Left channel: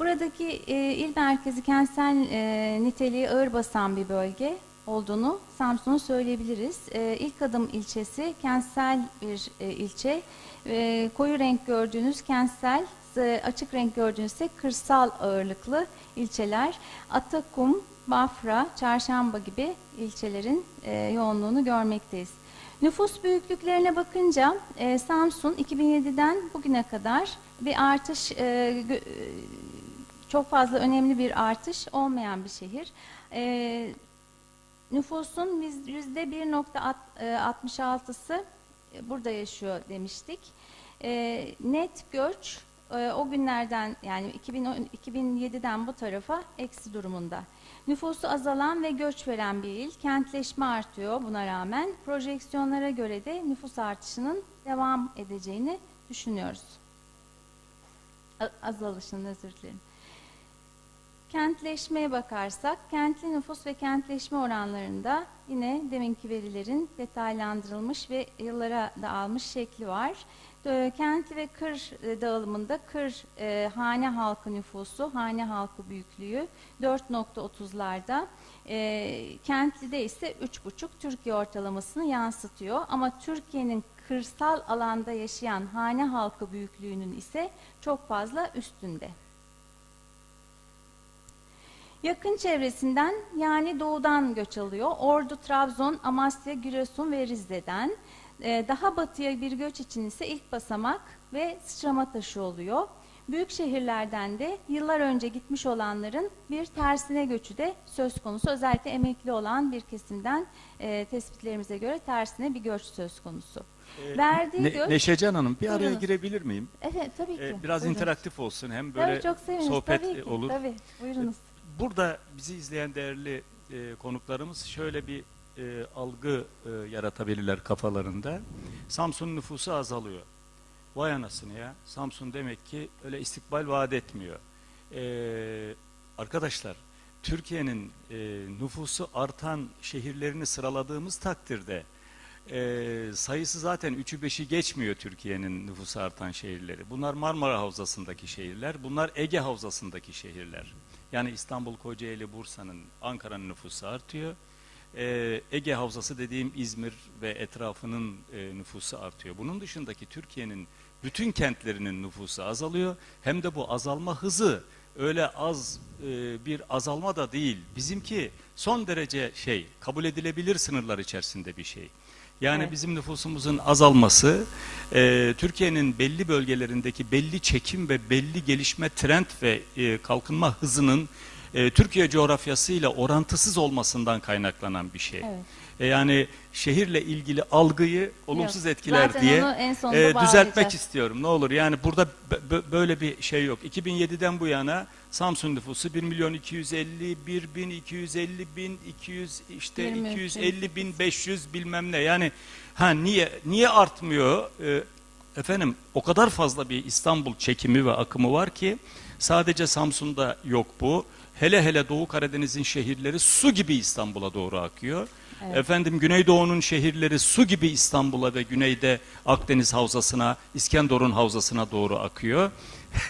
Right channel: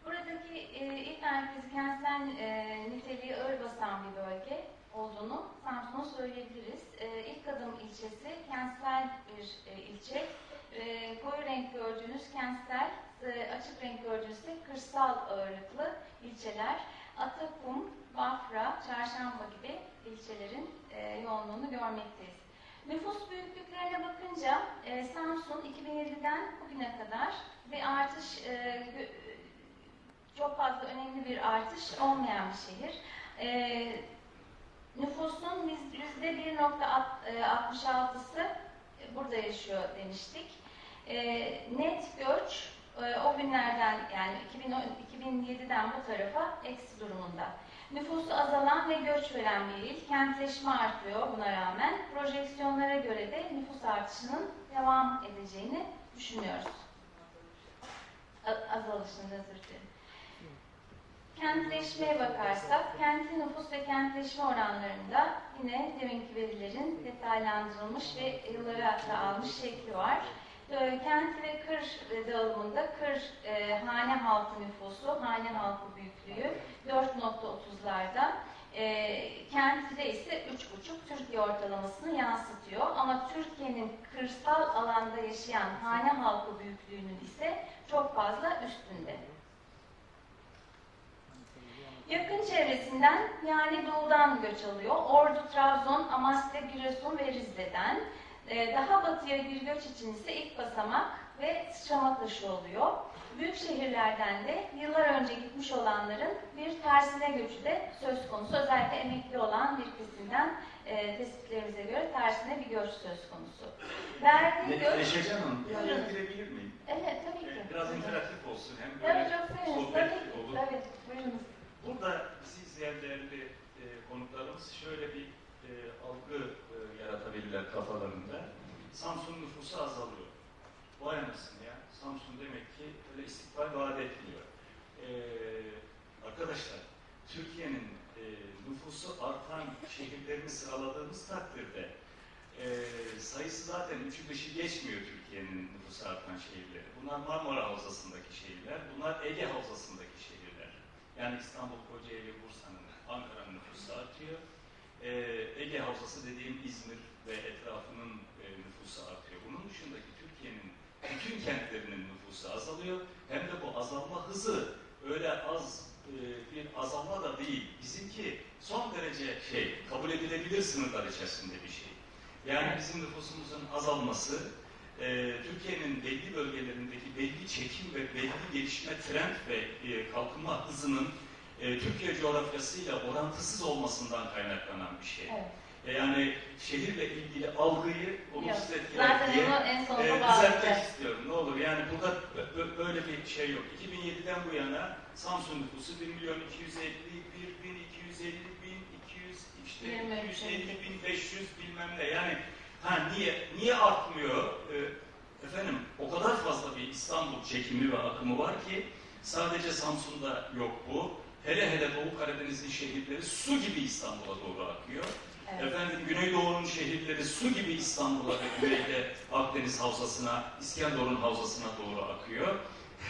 Buradaki e, il merkezi kentsel e, niteliği ağır basan bir bölge olduğunu Samsun'u söyleyebiliriz. E, ilk adım ilçesi kentsel bir e, ilçe. E, koyu renk gördüğünüz kentsel, e, açık renk gördüğünüz ise kırsal ağırlıklı ilçeler. Atakum, Bafra, Çarşamba gibi ilçelerin e, yoğunluğunu görmekteyiz. Nüfus büyüklüklerine bakınca e, Samsun 2007'den bugüne kadar bir artış, e, çok fazla önemli bir artış olmayan bir şehir. E, nüfusun yüzde 1.66'sı burada yaşıyor demiştik. E, net göç e, o günlerden yani 2010 2007'den bu tarafa eksi durumunda. Nüfusu azalan ve göç veren bir il. Kentleşme artıyor buna rağmen. Projeksiyonlara göre de nüfus artışının devam edeceğini düşünüyoruz. Azalışında dilerim. Kentleşmeye bakarsak, kentli nüfus ve kentleşme oranlarında yine deminki verilerin detaylandırılmış ve yıllara dağılmış şekli var. Ee, Kent ve kır e, dağılımında kır e, hane halkı nüfusu, hane halkı büyüklüğü 4.30'larda. E, kentte ise 3.5 Türkiye ortalamasını yansıtıyor. Ama Türkiye'nin kırsal alanda yaşayan hane halkı büyüklüğünün ise çok fazla üstünde. Yakın çevresinden yani doğudan göç alıyor. Ordu, Trabzon, Amasya, Giresun ve Rize'den. Ee, daha batıya bir göç için ise ilk basamak ve sıçrama taşı oluyor. Büyük şehirlerden de yıllar önce gitmiş olanların bir tersine göçü de söz konusu. Özellikle emekli olan bir kesimden e, tespitlerimize göre tersine bir göç söz konusu. Verdiği Ne, göç... Neşecan Hanım bir araya girebilir miyim? Evet tabii ki. Ee, biraz Tabii. interaktif olsun hem Tabii, böyle çok seviniriz. sohbet Tabii ki, olur. Tabii buyurunuz. Burada bizi izleyen değerli e, konuklarımız şöyle bir e, algı e, yaratabilirler kafalarında. Samsun nüfusu azalıyor. Vay anasını ya. Samsun demek ki öyle istikbal vaat etmiyor. E, arkadaşlar Türkiye'nin e, nüfusu artan şehirlerini sıraladığımız takdirde e, sayısı zaten 3'ü 5'i geçmiyor Türkiye'nin nüfusu artan şehirleri. Bunlar Marmara Havzası'ndaki şehirler, bunlar Ege Havzası'ndaki şehirler. Yani İstanbul, Kocaeli, Bursa'nın, Ankara'nın nüfusu artıyor. Ee, Ege Havzası dediğim İzmir ve etrafının e, nüfusu artıyor. Bunun dışındaki Türkiye'nin bütün kentlerinin nüfusu azalıyor. Hem de bu azalma hızı öyle az e, bir azalma da değil. Bizimki son derece şey kabul edilebilir sınırlar içerisinde bir şey. Yani bizim nüfusumuzun azalması e, Türkiye'nin belli bölgelerindeki belli çekim ve belli gelişme trend ve e, kalkınma hızının e, Türkiye coğrafyasıyla orantısız olmasından kaynaklanan bir şey. Evet. E, yani şehirle ilgili algıyı olumsuz Evet. etkiler Zaten diye e, düzeltmek istiyorum. Ne olur yani burada bö- bö- böyle bir şey yok. 2007'den bu yana Samsun nüfusu 1 milyon 250, 1 bin 250 bin, 200 işte Bilmiyorum. 250 bin 500 bilmem ne. Yani ha niye niye artmıyor? E, efendim o kadar fazla bir İstanbul çekimi ve akımı var ki sadece Samsun'da yok bu. Hele hele Doğu Karadeniz'in şehirleri su gibi İstanbul'a doğru akıyor. Evet. Efendim Güneydoğu'nun şehirleri su gibi İstanbul'a ve güneyde Akdeniz Havzası'na, İskenderun Havzası'na doğru akıyor.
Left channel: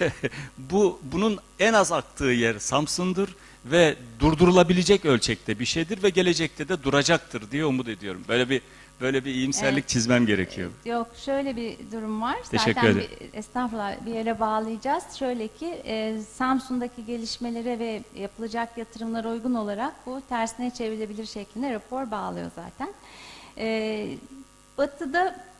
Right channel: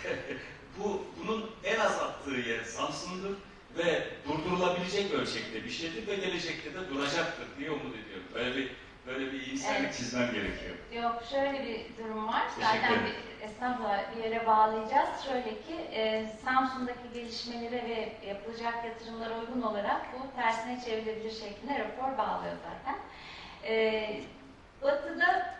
Bu bunun en az aktığı yer Samsun'dur ve durdurulabilecek ölçekte bir şeydir ve gelecekte de duracaktır diye umut ediyorum. Böyle bir böyle bir iyimserlik Evet. çizmem gerekiyor. Yok şöyle bir durum var. Teşekkür Zaten ederim. Bir, estağfurullah bir yere bağlayacağız. Şöyle ki e, Samsun'daki gelişmelere ve yapılacak yatırımlara uygun olarak bu tersine çevrilebilir şeklinde rapor bağlıyor zaten. E, batı'da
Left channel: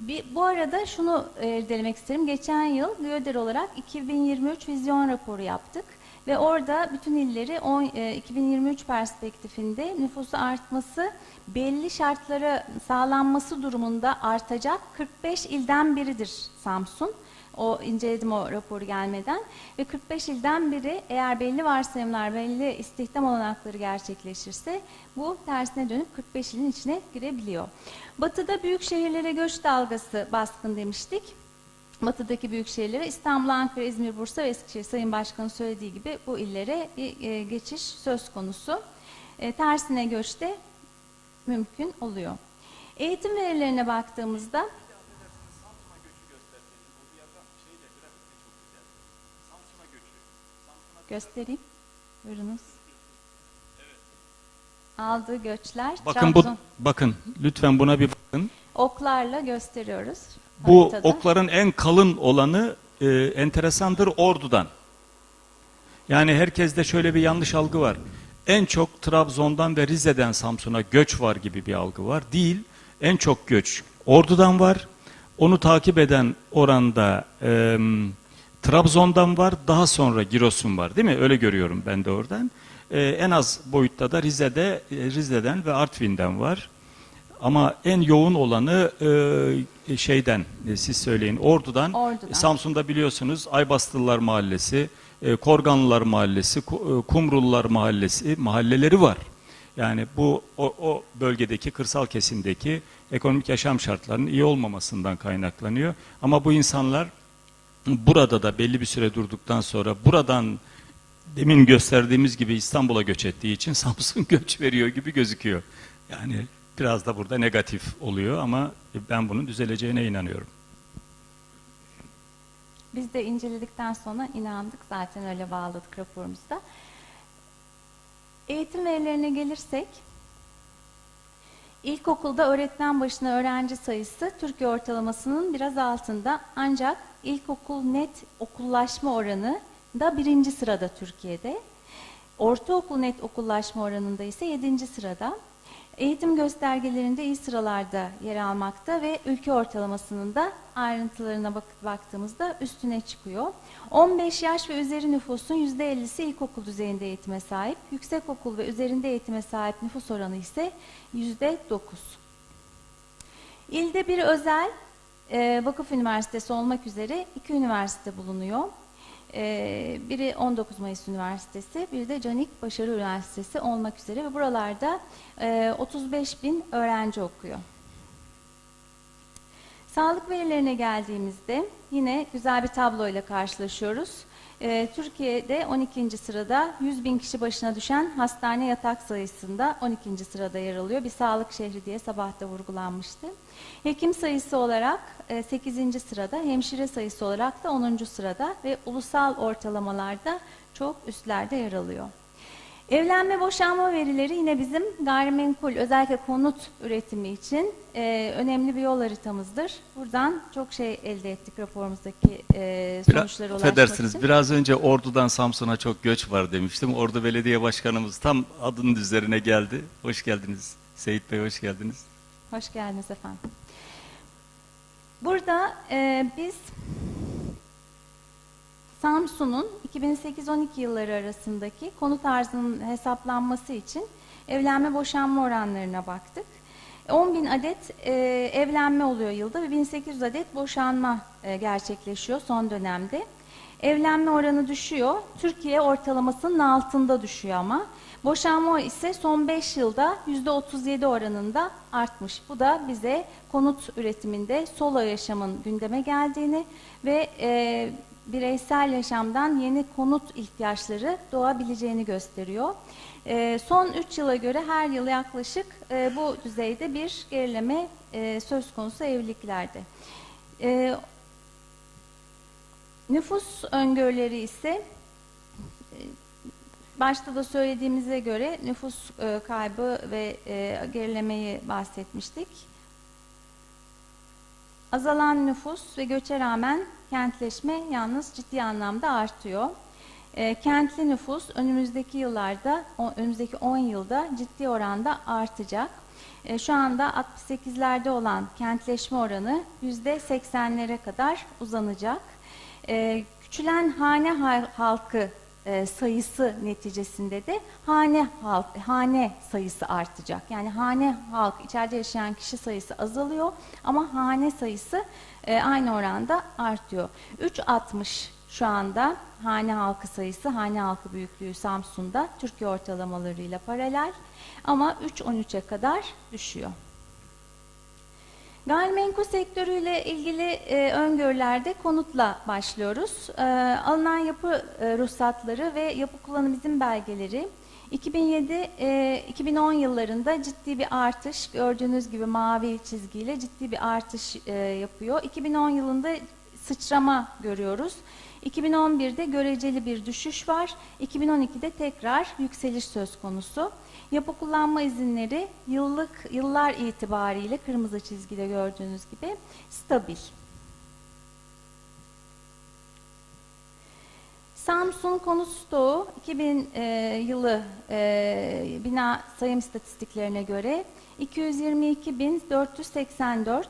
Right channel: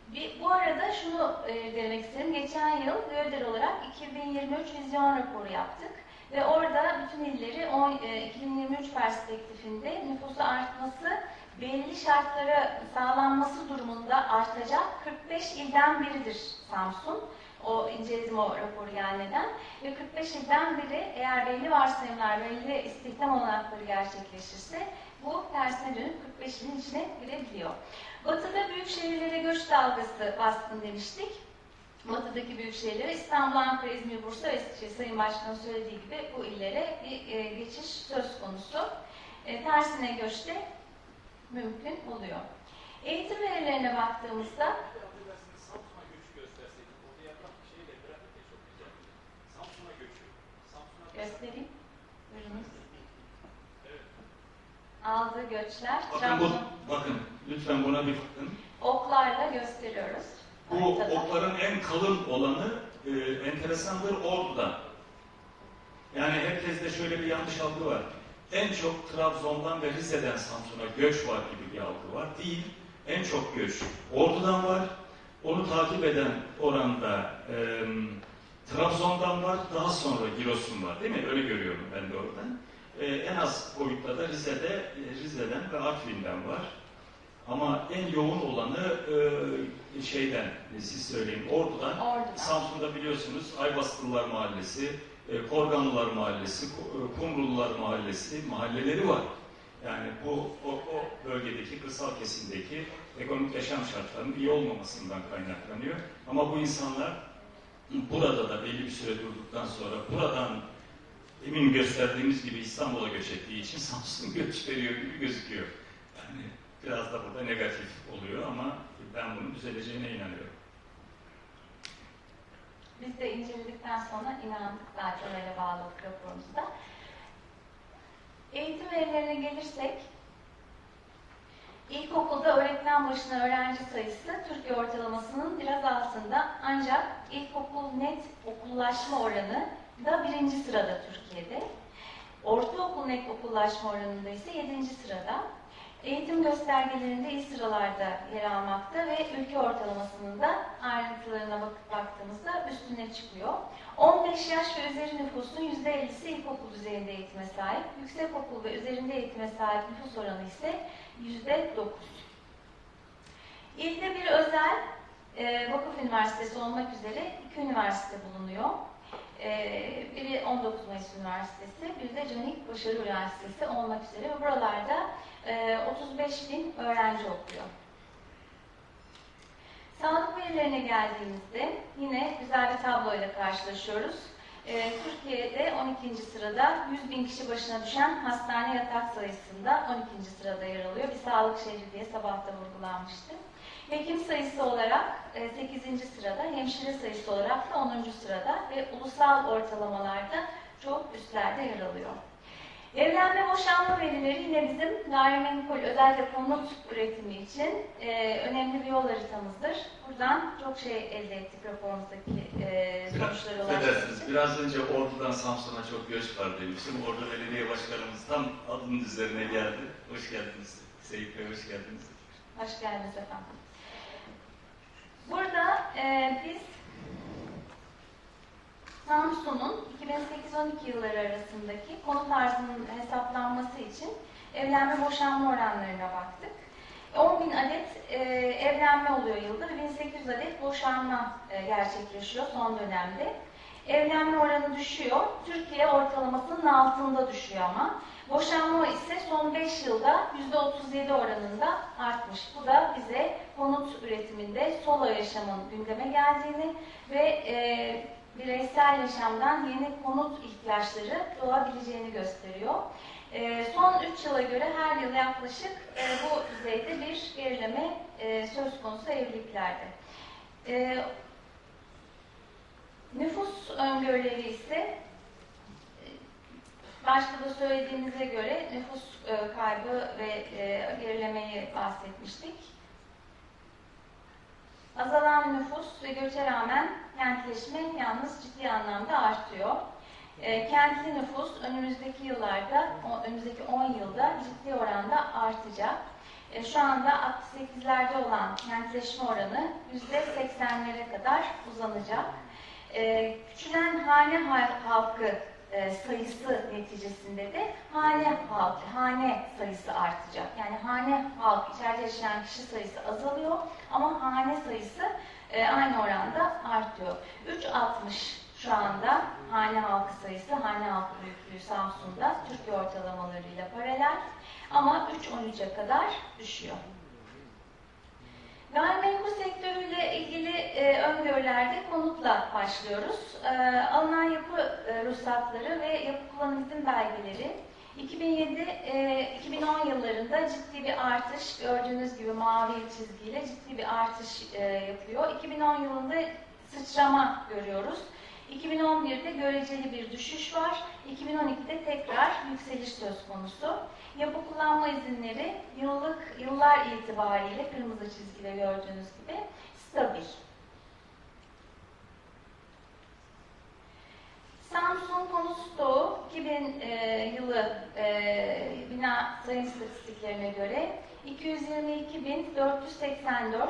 bir, bu arada şunu e, denemek isterim. Geçen yıl GÖDER olarak 2023 vizyon raporu yaptık. Ve orada bütün illeri on- e, 2023 perspektifinde nüfusu artması belli şartlara sağlanması durumunda artacak 45 ilden biridir Samsun. O inceledim o raporu gelmeden ve 45 ilden biri eğer belli varsayımlar, belli istihdam olanakları gerçekleşirse bu tersine dönüp 45 ilin içine girebiliyor. Batı'da büyük şehirlere göç dalgası baskın demiştik. Batı'daki büyük şehirlere İstanbul, Ankara, İzmir, Bursa ve Eskişehir Sayın Başkan'ın söylediği gibi bu illere bir e, geçiş söz konusu. E, tersine göçte mümkün oluyor. Eğitim verilerine baktığımızda göstereyim. Buyurunuz. Aldığı göçler. Bakın bu bakın lütfen buna bir bakın. oklarla gösteriyoruz. Bu haritada. okların en kalın olanı e, enteresandır Ordu'dan. Yani herkeste şöyle bir yanlış algı var. En çok Trabzon'dan ve Rize'den Samsun'a göç var gibi bir algı var. Değil. En çok göç Ordu'dan var. Onu takip eden oranda e, Trabzon'dan var. Daha sonra Giresun var. Değil mi? Öyle görüyorum ben de oradan. E, en az boyutta da Rize'de Rize'den ve Artvin'den var. Ama en yoğun olanı e, şeyden, e, siz söyleyin, Ordu'dan. Ordu'dan. Samsun'da biliyorsunuz Aybastılılar Mahallesi, e, Korganlılar Mahallesi, e, Kumrullar Mahallesi mahalleleri var. Yani bu o, o bölgedeki kırsal kesimdeki ekonomik yaşam şartlarının iyi olmamasından kaynaklanıyor. Ama bu insanlar burada da belli bir süre durduktan sonra buradan demin gösterdiğimiz gibi İstanbul'a göç ettiği için Samsun göç veriyor gibi gözüküyor. Yani biraz da burada negatif oluyor ama ben bunun düzeleceğine inanıyorum. Biz de inceledikten sonra inandık zaten öyle bağladık raporumuzda. Eğitim verilerine gelirsek, ilkokulda öğretmen başına öğrenci sayısı Türkiye ortalamasının biraz altında ancak ilkokul net okullaşma oranı da birinci sırada Türkiye'de. Ortaokul net okullaşma oranında ise yedinci sırada. Eğitim göstergelerinde iyi sıralarda yer almakta ve ülke ortalamasının da ayrıntılarına bak- baktığımızda üstüne çıkıyor. 15 yaş ve üzeri nüfusun %50'si ilkokul düzeyinde eğitime sahip, yüksekokul ve üzerinde eğitime sahip nüfus oranı ise %9. İlde bir özel e, vakıf üniversitesi olmak üzere iki üniversite bulunuyor. E, biri 19 Mayıs Üniversitesi, bir de Canik Başarı Üniversitesi olmak üzere buralarda 35 bin öğrenci okuyor. Sağlık verilerine geldiğimizde yine güzel bir tabloyla karşılaşıyoruz. Ee, Türkiye'de 12. sırada 100 bin kişi başına düşen hastane yatak sayısında 12. sırada yer alıyor. Bir sağlık şehri diye sabah da vurgulanmıştı. Hekim sayısı olarak e, 8. sırada, hemşire sayısı olarak da 10. sırada ve ulusal ortalamalarda çok üstlerde yer alıyor. Evlenme boşanma verileri yine bizim gayrimenkul özellikle konut üretimi için e, önemli bir yol haritamızdır. Buradan çok şey elde ettik raporumuzdaki e, Biraz, sonuçlara affedersiniz, biraz önce Ordu'dan Samsun'a çok göç var demiştim. Ordu Belediye Başkanımız tam adının üzerine geldi. Hoş geldiniz. Seyit Bey hoş geldiniz. Hoş geldiniz efendim. Burada e, biz Samsun'un 2008-12 yılları arasındaki konut arzının hesaplanması için evlenme boşanma oranlarına baktık. 10 bin adet e, evlenme oluyor yılda ve 1800 adet boşanma e, gerçekleşiyor son dönemde. Evlenme oranı düşüyor. Türkiye ortalamasının altında düşüyor ama. Boşanma ise son 5 yılda %37 oranında artmış. Bu da bize konut üretiminde solo yaşamın gündeme geldiğini ve e, bireysel yaşamdan yeni konut ihtiyaçları doğabileceğini gösteriyor. E, son 3 yıla göre her yıl yaklaşık e, bu düzeyde bir gerileme e, söz konusu evliliklerde. E, nüfus öngörüleri ise başta da söylediğimize göre nüfus kaybı ve gerilemeyi bahsetmiştik. Azalan nüfus ve göçe rağmen kentleşme yalnız ciddi anlamda artıyor. E, kentli nüfus önümüzdeki yıllarda, önümüzdeki 10 yılda ciddi oranda artacak. E, şu anda 68'lerde olan kentleşme oranı %80'lere kadar uzanacak. E, küçülen hane hal- halkı e, sayısı neticesinde de hane halk, hane sayısı artacak. Yani hane halk içeride yaşayan kişi sayısı azalıyor ama hane sayısı e, aynı oranda artıyor. 3.60 şu anda hane halkı sayısı, hane halkı büyüklüğü Samsun'da Türkiye ortalamalarıyla paralel ama 3.13'e kadar düşüyor. Gayrimenkul sektörüyle ilgili e, öngörülerde konutla başlıyoruz. E, alınan yapı e, ruhsatları ve yapı kullanım izin belgeleri 2007 e, 2010 yıllarında ciddi bir artış gördüğünüz gibi mavi çizgiyle ciddi bir artış e, yapıyor. 2010 yılında sıçrama görüyoruz. 2011'de göreceli bir düşüş var. 2012'de tekrar yükseliş söz konusu. Yapı kullanma izinleri yıllık yıllar itibariyle kırmızı çizgide gördüğünüz gibi stabil. Samsun Konut Stoğu 2000 e, yılı e, bina sayım istatistiklerine göre 222.484.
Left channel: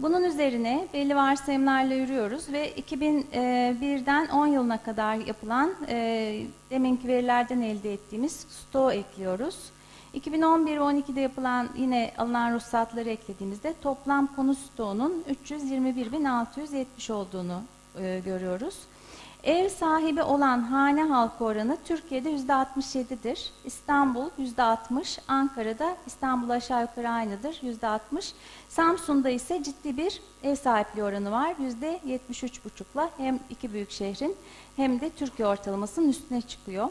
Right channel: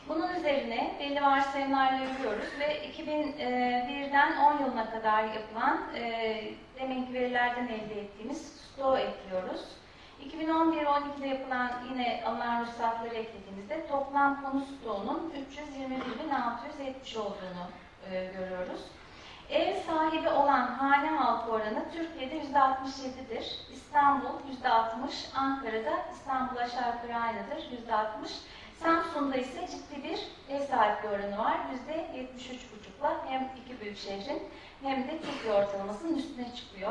Bunun üzerine belli varsayımlarla yürüyoruz ve 2001'den 10 yılına kadar yapılan e, deminki verilerden elde ettiğimiz stoğu ekliyoruz. 2011 ve 12'de yapılan yine alınan ruhsatları eklediğimizde toplam konut stoğunun 321.670 olduğunu e, görüyoruz. Ev sahibi olan hane halkı oranı Türkiye'de %67'dir. İstanbul %60, Ankara'da İstanbul aşağı yukarı aynıdır %60. Samsun'da ise ciddi bir ev sahipliği oranı var. %73,5'la hem iki büyük şehrin hem de Türkiye ortalamasının üstüne çıkıyor.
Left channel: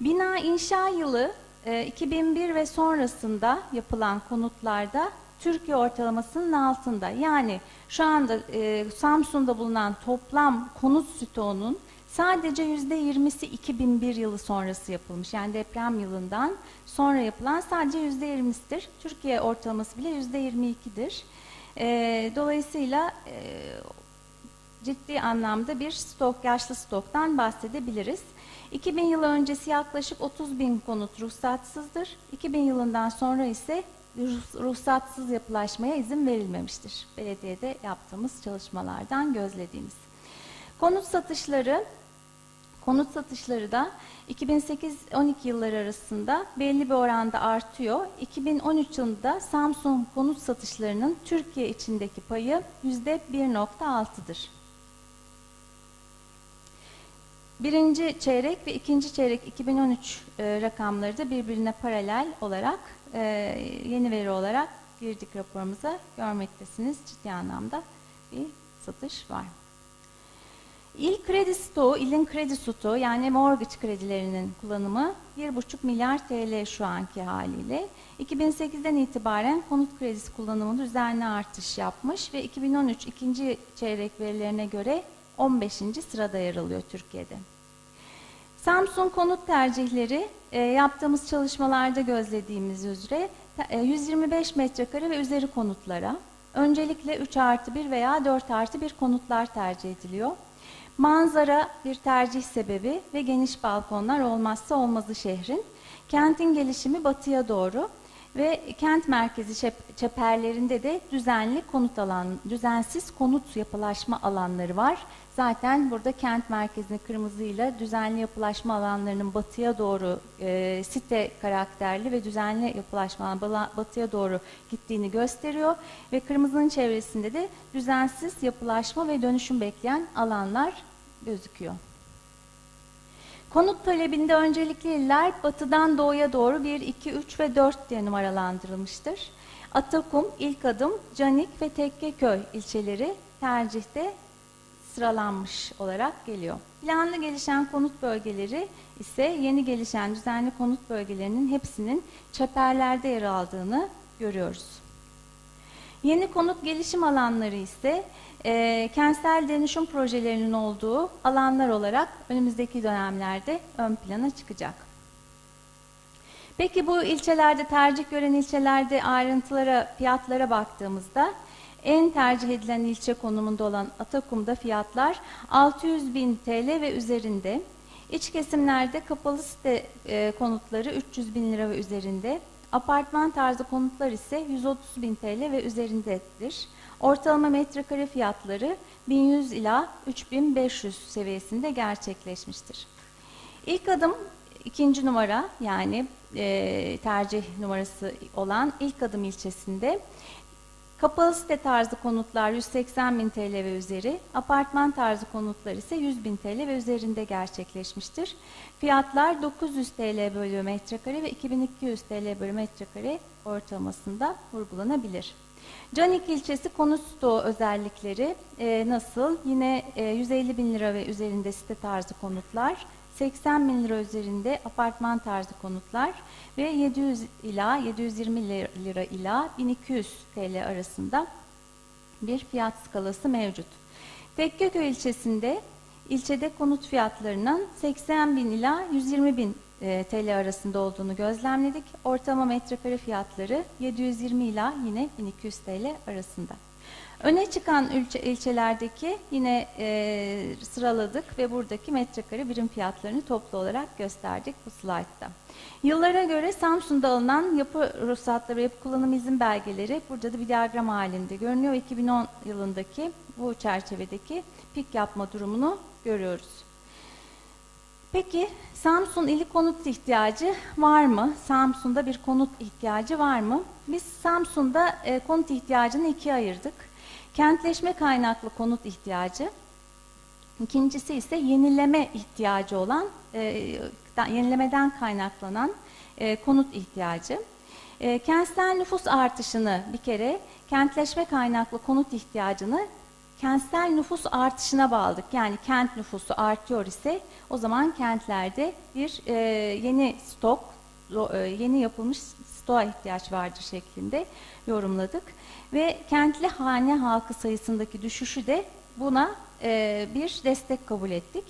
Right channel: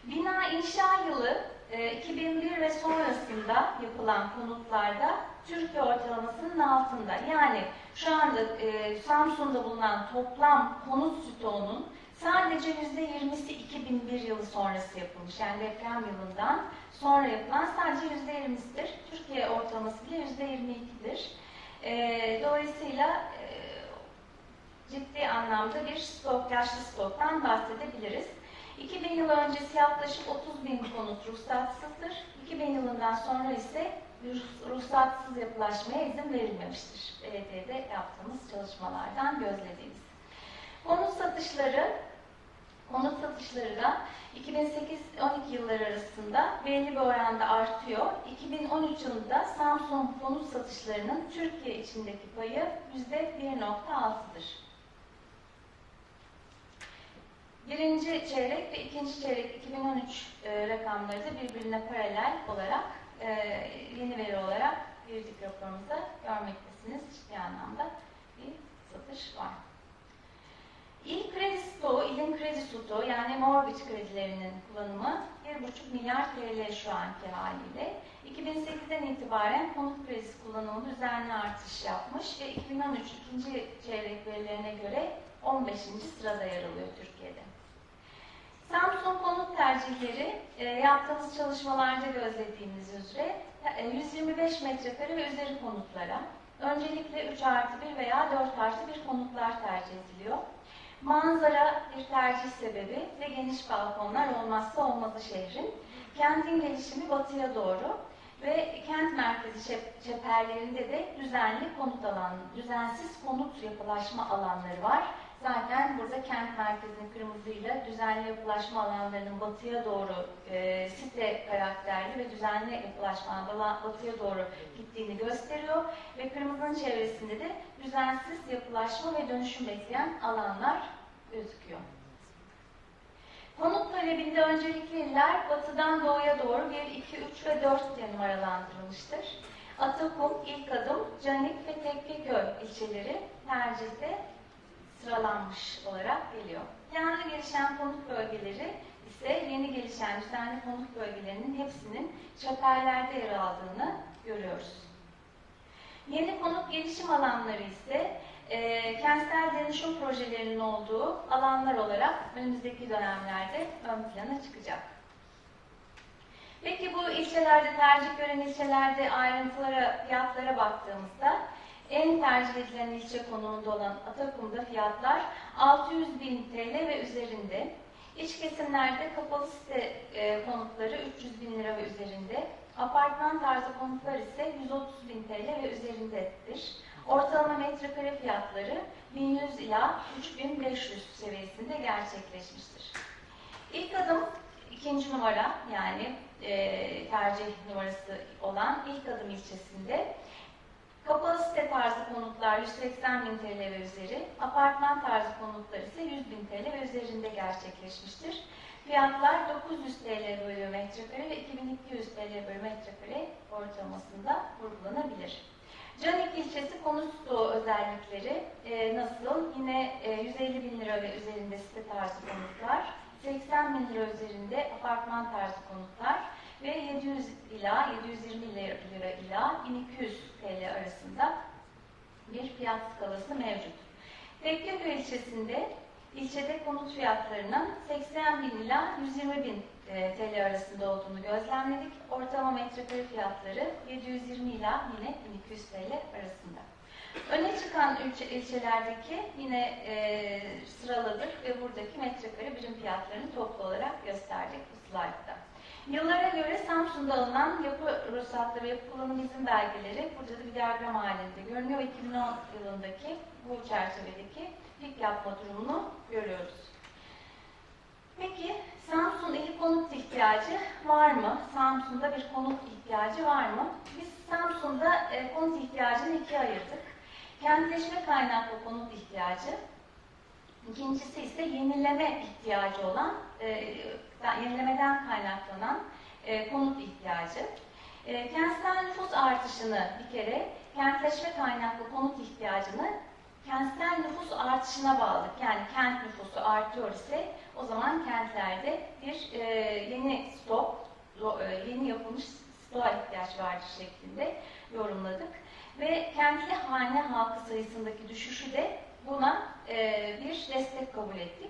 Bina inşa yılı e, 2001 ve sonrasında yapılan konutlarda Türkiye ortalamasının altında. Yani şu anda e, Samsun'da bulunan toplam konut stoğunun sadece %20'si 2001 yılı sonrası yapılmış. Yani deprem yılından sonra yapılan sadece %20'sidir. Türkiye ortalaması bile %22'dir. E, dolayısıyla e, ciddi anlamda bir stok, yaşlı stoktan bahsedebiliriz. 2000 yılı öncesi yaklaşık 30 bin konut ruhsatsızdır. 2000 yılından sonra ise ruh- ruhsatsız yapılaşmaya izin verilmemiştir. Belediyede yaptığımız çalışmalardan gözlediğimiz. Konut satışları, konut satışları da 2008-12 yılları arasında belli bir oranda artıyor. 2013 yılında Samsung konut satışlarının Türkiye içindeki payı %1.6'dır. Birinci çeyrek ve ikinci çeyrek 2013 e, rakamları da birbirine paralel olarak e, yeni veri olarak girdik raporumuza görmektesiniz. Ciddi anlamda bir satış var. İl kredi stoğu, ilin kredi stoğu yani mortgage kredilerinin kullanımı 1,5 milyar TL şu anki haliyle. 2008'den itibaren konut kredisi kullanımı düzenli artış yapmış ve 2013 ikinci çeyrek verilerine göre 15. sırada yer alıyor Türkiye'de. Samsung konut tercihleri e, yaptığımız çalışmalarda gözlediğimiz üzere e, 125 metrekare ve üzeri konutlara öncelikle 3 artı 1 veya 4 artı 1 konutlar tercih ediliyor. Manzara bir tercih sebebi ve geniş balkonlar olmazsa olmazı şehrin. Kentin gelişimi batıya doğru ve kent merkezi çep- çeperlerinde de düzenli konut alan, düzensiz konut yapılaşma alanları var. Zaten burada kent merkezini kırmızıyla düzenli yapılaşma alanlarının batıya doğru e, site karakterli ve düzenli yapılaşma batıya doğru gittiğini gösteriyor ve kırmızının çevresinde de düzensiz yapılaşma ve dönüşüm bekleyen alanlar gözüküyor. Konut talebinde öncelikli iller batıdan doğuya doğru 1, 2, 3 ve 4 diye numaralandırılmıştır. Atakum, İlk Adım, Canik ve Tekkeköy ilçeleri tercihte sıralanmış olarak geliyor. Planlı gelişen konut bölgeleri ise yeni gelişen düzenli konut bölgelerinin hepsinin çeperlerde yer aldığını görüyoruz. Yeni konut gelişim alanları ise e, kentsel dönüşüm projelerinin olduğu alanlar olarak önümüzdeki dönemlerde ön plana çıkacak. Peki bu ilçelerde tercih gören ilçelerde ayrıntılara, fiyatlara baktığımızda en tercih edilen ilçe konumunda olan Atakum'da fiyatlar 600 bin TL ve üzerinde. İç kesimlerde kapalı site e, konutları 300 bin lira ve üzerinde. Apartman tarzı konutlar ise 130 bin TL ve üzerindedir. Ortalama metrekare fiyatları 1100 ila 3500 seviyesinde gerçekleşmiştir. İlk adım ikinci numara yani e, tercih numarası olan ilk adım ilçesinde Kapalı site tarzı konutlar 180 bin TL ve üzeri, apartman tarzı konutlar ise 100 bin TL ve üzerinde gerçekleşmiştir. Fiyatlar 900 TL bölü metrekare ve 2200 TL bölü metrekare ortalamasında vurgulanabilir. Canik ilçesi konut stoğu özellikleri e, nasıl? Yine e, 150 bin lira ve üzerinde site tarzı konutlar, 80 bin lira üzerinde apartman tarzı konutlar, ve 700 ila 720 lira ila 1200 TL arasında bir fiyat skalası mevcut. Tekkeköy ilçesinde ilçede konut fiyatlarının 80 bin ila 120 bin e, TL arasında olduğunu gözlemledik. Ortalama metrekare fiyatları 720 ila yine 1200 TL arasında. Öne çıkan ilçe, ilçelerdeki yine e, sıraladık ve buradaki metrekare birim fiyatlarını toplu olarak gösterdik bu slaytta. Yıllara göre Samsun'da alınan yapı ruhsatları, yapı kullanım izin belgeleri burada da bir diyagram halinde görünüyor. 2010 yılındaki bu çerçevedeki pik yapma durumunu görüyoruz. Peki Samsun ili konut ihtiyacı var mı? Samsun'da bir konut ihtiyacı var mı? Biz Samsun'da e, konut ihtiyacını ikiye ayırdık. Kentleşme kaynaklı konut ihtiyacı, ikincisi ise yenileme ihtiyacı olan, e, yenilemeden kaynaklanan e, konut ihtiyacı. E, kentsel nüfus artışını bir kere kentleşme kaynaklı konut ihtiyacını kentsel nüfus artışına bağladık. Yani kent nüfusu artıyor ise o zaman kentlerde bir e, yeni stok, e, yeni yapılmış stoğa ihtiyaç vardır şeklinde yorumladık. Ve kentli hane halkı sayısındaki düşüşü de buna e, bir destek kabul ettik.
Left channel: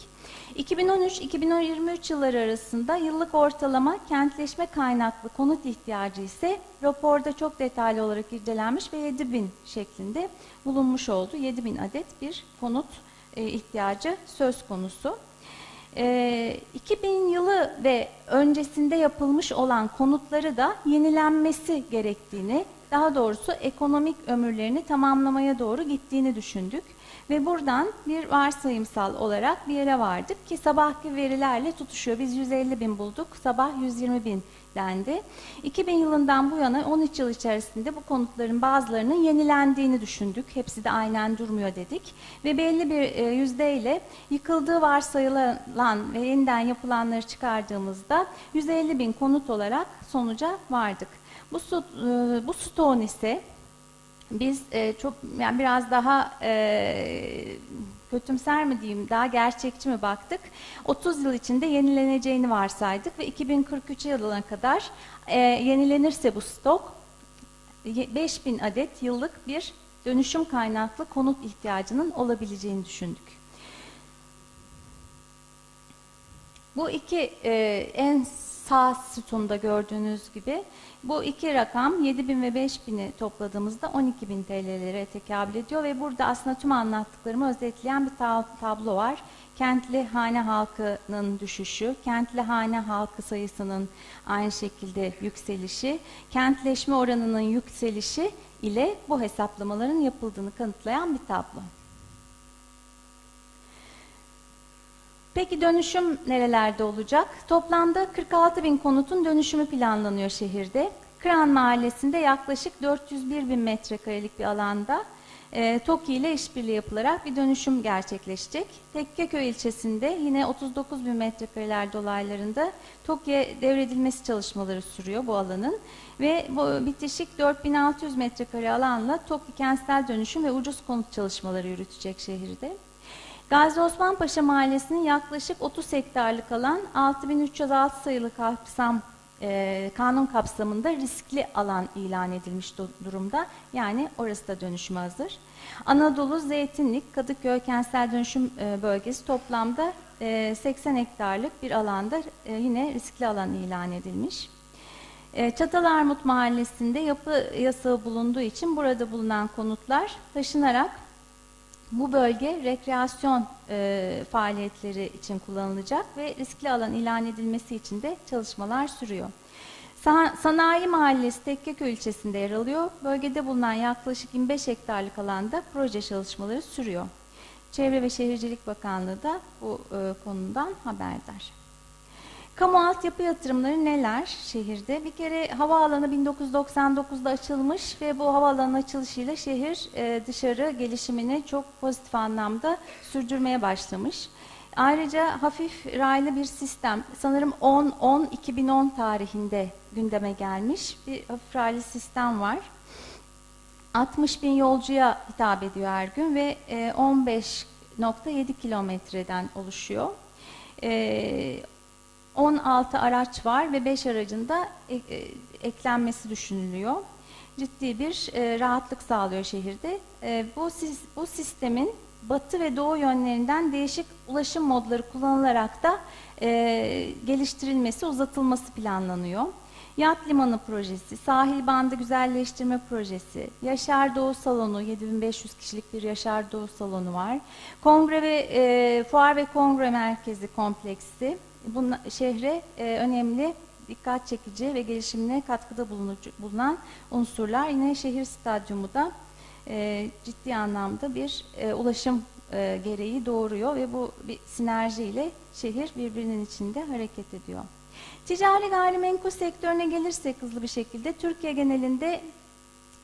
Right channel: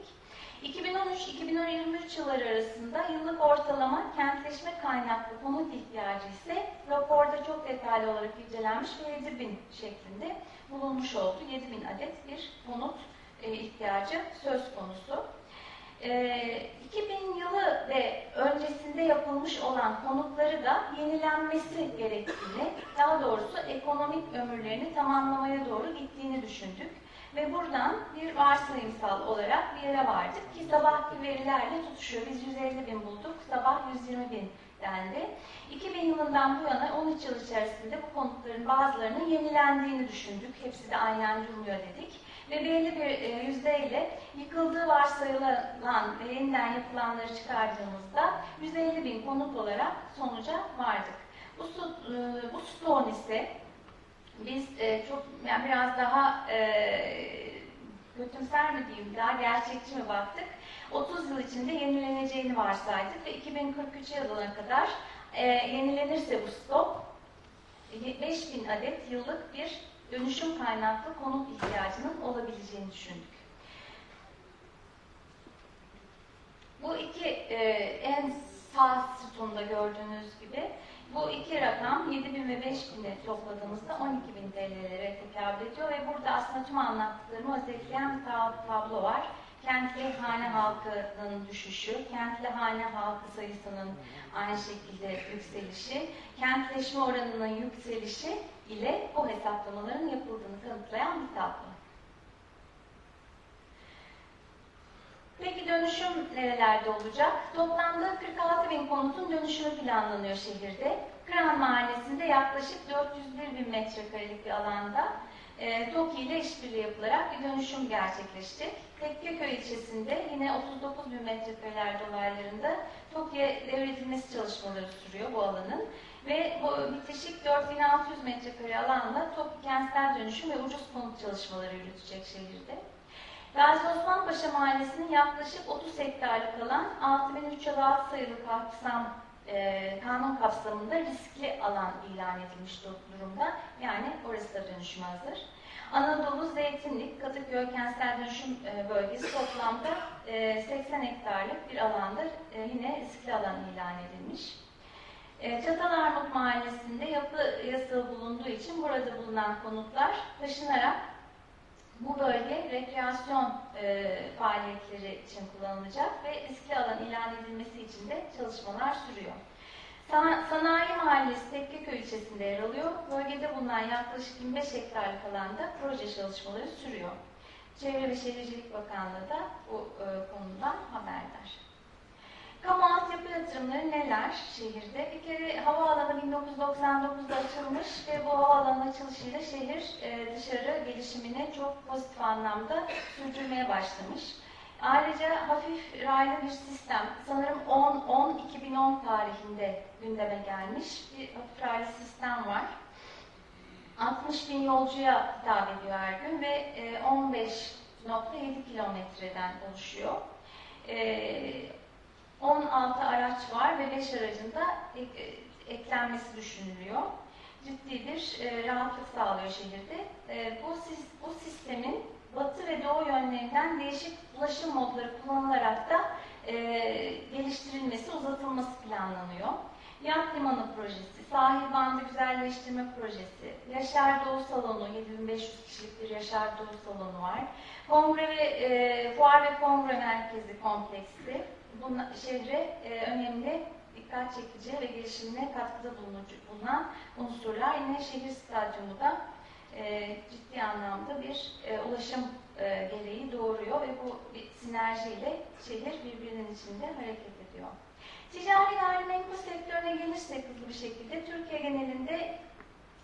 2013-2023 yılları arasında yıllık ortalama kentleşme kaynaklı konut ihtiyacı ise raporda çok detaylı olarak irdelenmiş ve 7000 şeklinde bulunmuş oldu. 7000 adet bir konut e, ihtiyacı söz konusu. E, 2000 yılı ve öncesinde yapılmış olan konutları da yenilenmesi gerektiğini, daha doğrusu ekonomik ömürlerini tamamlamaya doğru gittiğini düşündük. Ve buradan bir varsayımsal olarak bir yere vardık ki sabahki verilerle tutuşuyor. Biz 150 bin bulduk, sabah 120 bin dendi. 2000 yılından bu yana 13 yıl içerisinde bu konutların bazılarının yenilendiğini düşündük. Hepsi de aynen durmuyor dedik. Ve belli bir e, yüzdeyle yıkıldığı varsayılan ve yeniden yapılanları çıkardığımızda 150 bin konut olarak sonuca vardık. Bu, e, bu stoğun ise biz e, çok yani biraz daha e, kötümser mi diyeyim, daha gerçekçi mi baktık? 30 yıl içinde yenileneceğini varsaydık ve 2043 yılına kadar e, yenilenirse bu stok ye- 5000 adet yıllık bir dönüşüm kaynaklı konut ihtiyacının olabileceğini düşündük. Bu iki e, en sağ sütunda gördüğünüz gibi bu iki rakam 7000 ve 5000'i topladığımızda 12.000 TL'lere tekabül ediyor ve burada aslında tüm anlattıklarımı özetleyen bir tab- tablo var. Kentli hane halkının düşüşü, kentli hane halkı sayısının aynı şekilde yükselişi, kentleşme oranının yükselişi ile bu hesaplamaların yapıldığını kanıtlayan bir tablo. Peki dönüşüm nerelerde olacak? Toplamda 46 bin konutun dönüşümü planlanıyor şehirde. Kıran Mahallesi'nde yaklaşık 401 bin metrekarelik bir alanda e, TOKİ ile işbirliği yapılarak bir dönüşüm gerçekleşecek. Tekkeköy ilçesinde yine 39 bin metrekareler dolaylarında TOKİ'ye devredilmesi çalışmaları sürüyor bu alanın. Ve bu bitişik 4600 metrekare alanla TOKİ kentsel dönüşüm ve ucuz konut çalışmaları yürütecek şehirde. Gazi Osman Paşa Mahallesi'nin yaklaşık 30 hektarlık alan 6306 sayılı kapsam e, kanun kapsamında riskli alan ilan edilmiş du- durumda. Yani orası da dönüşüme hazır. Anadolu, Zeytinlik, Kadıköy Kentsel Dönüşüm e, Bölgesi toplamda e, 80 hektarlık bir alanda e, yine riskli alan ilan edilmiş. E, Çatalarmut Mahallesi'nde yapı yasağı bulunduğu için burada bulunan konutlar taşınarak bu bölge rekreasyon e, faaliyetleri için kullanılacak ve riskli alan ilan edilmesi için de çalışmalar sürüyor. Sa- Sanayi Mahallesi Tekkeköy ilçesinde yer alıyor. Bölgede bulunan yaklaşık 25 hektarlık alanda proje çalışmaları sürüyor. Çevre ve Şehircilik Bakanlığı da bu e, konudan haberdar. Kamu altyapı yatırımları neler şehirde? Bir kere havaalanı 1999'da açılmış ve bu havaalanı açılışıyla şehir e, dışarı gelişimini çok pozitif anlamda sürdürmeye başlamış. Ayrıca hafif raylı bir sistem, sanırım 10-10-2010 tarihinde gündeme gelmiş bir hafif raylı sistem var. 60 bin yolcuya hitap ediyor her gün ve e, 15.7 kilometreden oluşuyor. E, 16 araç var ve 5 aracın da e, eklenmesi düşünülüyor. Ciddi bir e, rahatlık sağlıyor şehirde. E, bu bu sistemin batı ve doğu yönlerinden değişik ulaşım modları kullanılarak da geliştirilmesi, uzatılması planlanıyor. Yat Limanı Projesi, Sahil Bandı Güzelleştirme Projesi, Yaşar Doğu Salonu, 7500 kişilik bir Yaşar Doğu Salonu var. Kongre ve e, Fuar ve Kongre Merkezi kompleksi, bunun şehre e, önemli, dikkat çekici ve gelişimine katkıda bulunan unsurlar. Yine şehir stadyumu da e, ciddi anlamda bir e, ulaşım e, gereği doğuruyor ve bu bir sinerjiyle şehir birbirinin içinde hareket ediyor. Ticari gayrimenkul sektörüne gelirsek hızlı bir şekilde Türkiye genelinde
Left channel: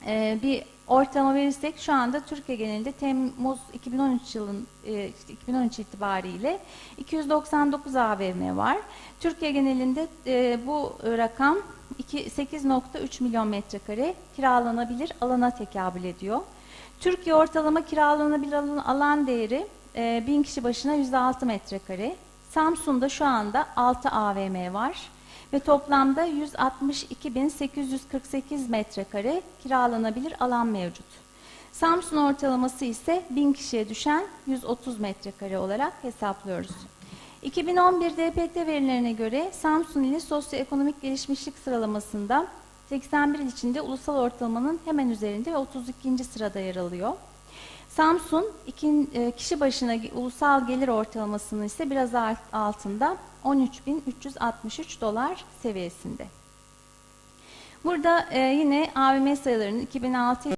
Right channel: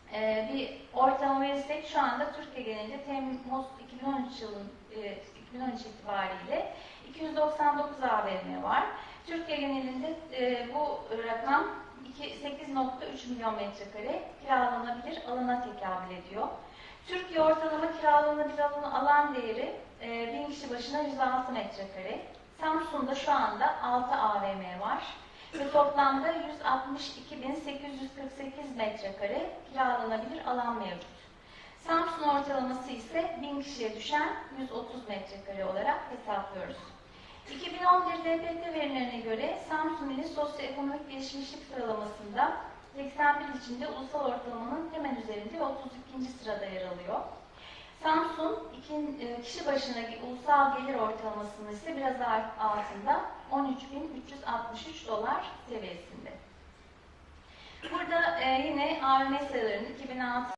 e, bir ortalama verirsek şu anda Türkiye genelinde Temmuz 2013 yılın e, 2013 itibariyle 299 AVM var. Türkiye genelinde e, bu rakam iki- 8.3 milyon metrekare kiralanabilir alana tekabül ediyor. Türkiye ortalama kiralanabilir alan, alan değeri e, 1000 kişi başına 106 metrekare. Samsun'da şu anda 6 AVM var ve toplamda 162.848 metrekare kiralanabilir alan mevcut. Samsun ortalaması ise 1000 kişiye düşen 130 metrekare olarak hesaplıyoruz. 2011 DPT verilerine göre Samsun ili sosyoekonomik gelişmişlik sıralamasında 81 il içinde ulusal ortalamanın hemen üzerinde ve 32. sırada yer alıyor. Samsun iki, e, kişi başına ulusal gelir ortalamasının ise biraz alt- altında 13.363 dolar seviyesinde. Burada e, yine AVM sayılarının 2006